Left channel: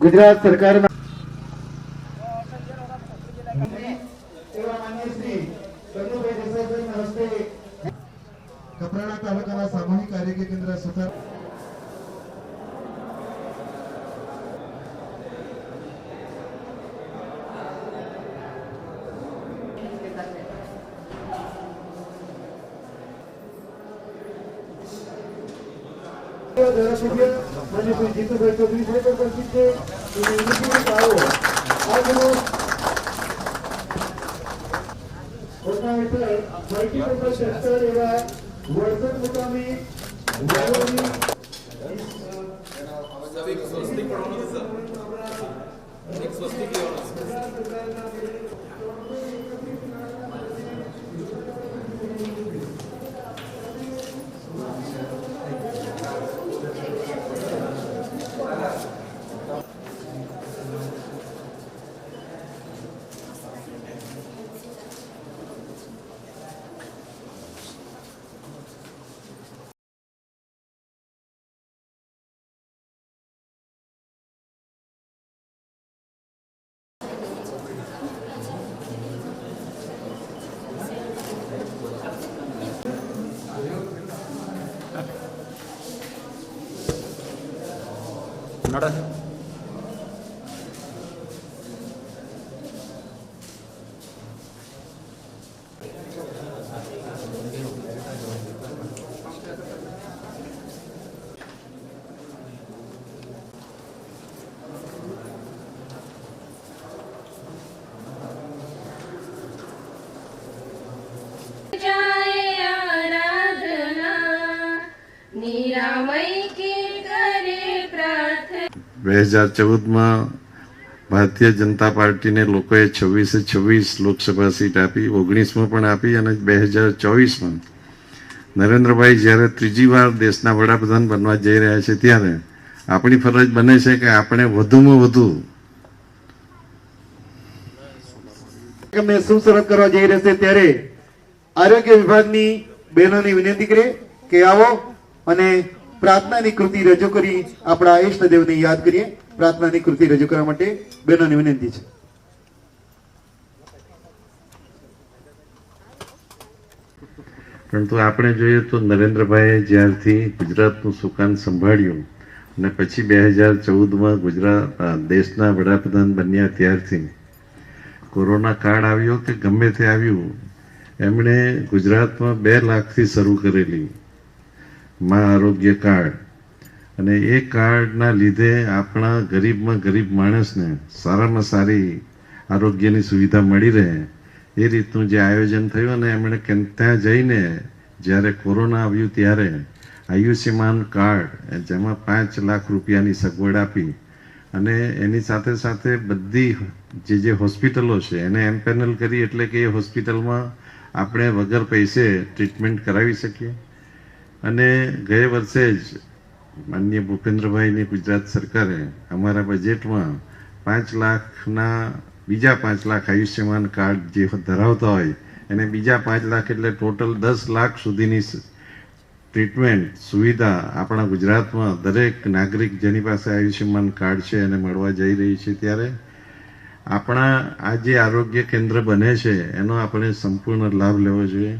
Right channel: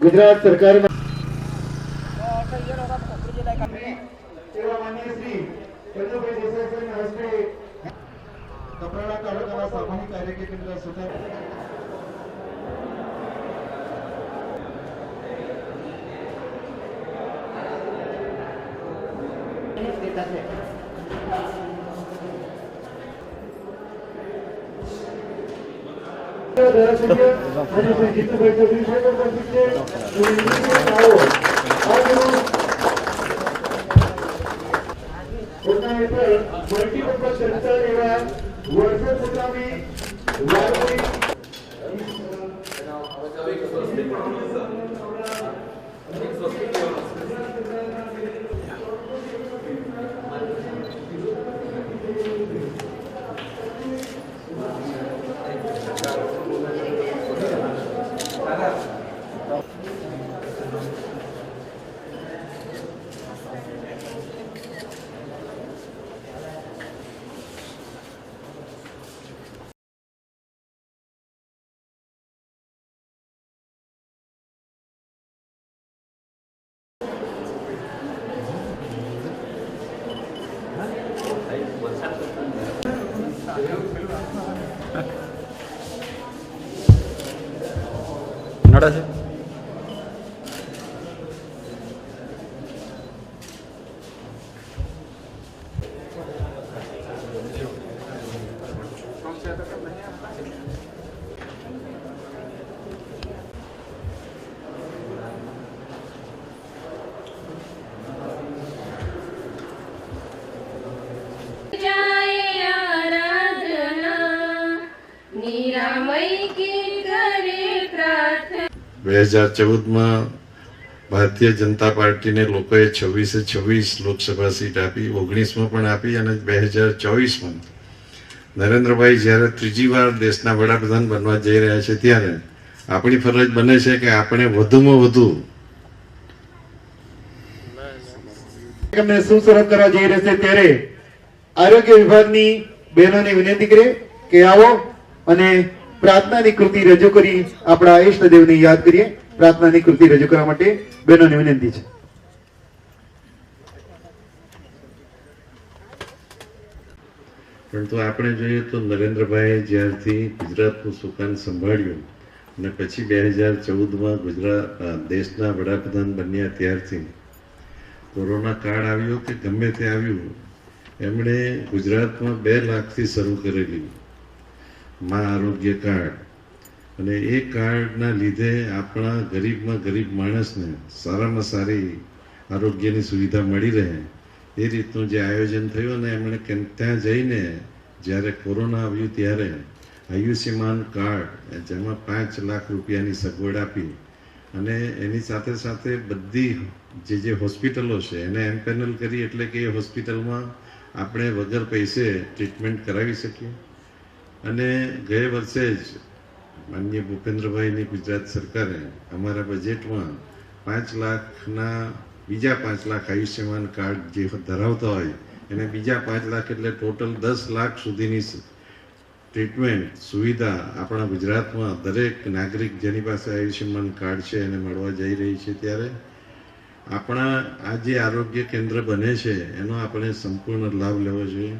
ગુજરાત સરકારના કપરાડા તાલુકાના સામૂહિક આરોગ્ય કેન્દ્ર સુથાર મલ્ટીપર્પઝ સેન્ટર એવા વડસર મુકામે નડા છે. બે 2014 ભારતીય જનતા પાર્ટીને લોકોએ 26 લોકસભા સીટ આપી, 19માં પણ આપી અને 2024માં નરેન્દ્રભાઈ જ્યારે ત્રીજી વાર દેશના વડાપ્રધાન બનવા જઈ રહ્યા છે ત્યારે આપણી ફરજ બને છે કે આપણે વધુમાં વધુ સુસરત કરવા જઈ રહેશે ત્યારે આરોગ્ય વિભાગની બહેનોને વિનંતી કરે કે આવો અને પ્રાર્થનાની કૃતિ રજૂ કરી આપણા ઈષ્ટદેવને યાદ કરીએ. પ્રાર્થનાની કૃતિ રજૂ કરવા માટે બહેનોને વિનંતી છે. પરંતુ આપણે જોઈએ તો નરેન્દ્રભાઈએ જ્યારથી ગુજરાતનું સુકાન સંભાળ્યું અને પછી 2014માં ગુજરાત દેશના વડાપ્રધાન બન્યા ત્યારથી કોરોના કાળ આવ્યો કે ગમે તે આવ્યું, એમણે ગુજરાતમાં 2 લાખથી શરૂ કરેલી મા આરોગ્ય કાર્ડ, અને એ કાર્ડના લીધે આપણા ગરીબમાં ગરીબ માણસને સારામાં સારી આરોગ્યની સુવિધા મળી રહે એ રીતનું જે આયોજન થયું. અને એમણે ત્યાં જઈને જ્યારે કોરોના આવ્યું ત્યારે આયુષ્યમાન કાર્ડ જેમાં 5 લાખ રૂપિયાની સગવડ આપી અને એની સાથે સાથે બધી જે હોસ્પિટલો છે એને એમ્પેનલ કરી, એટલે કે એ હોસ્પિટલમાં આપણે વગર પૈસે ટ્રીટમેન્ટ કરાવી શકીએ. અને ગયા વર્ષે જ માનનીય ભૂપેન્દ્રભાઈની ગુજરાત સરકારે અમારા બજેટમાં 5 લાખના બીજા 5 લાખ આયુષ્યમાન કાર્ડ જે ધરાવતા હોય એને બીજા 5 લાખ એટલે ટોટલ 10 લાખ સુધીની ટ્રીટમેન્ટ સુવિધા આપણા ગુજરાતમાં દરેક નાગરિક જેની પાસે આયુષ્યમાન કાર્ડ છે એને મળવા જઈ રહી છે. ત્યારે આપણા આ જે આરોગ્ય કેન્દ્ર બને છે એનો આપણે સંપૂર્ણ લાભ લેવો જોઈએ.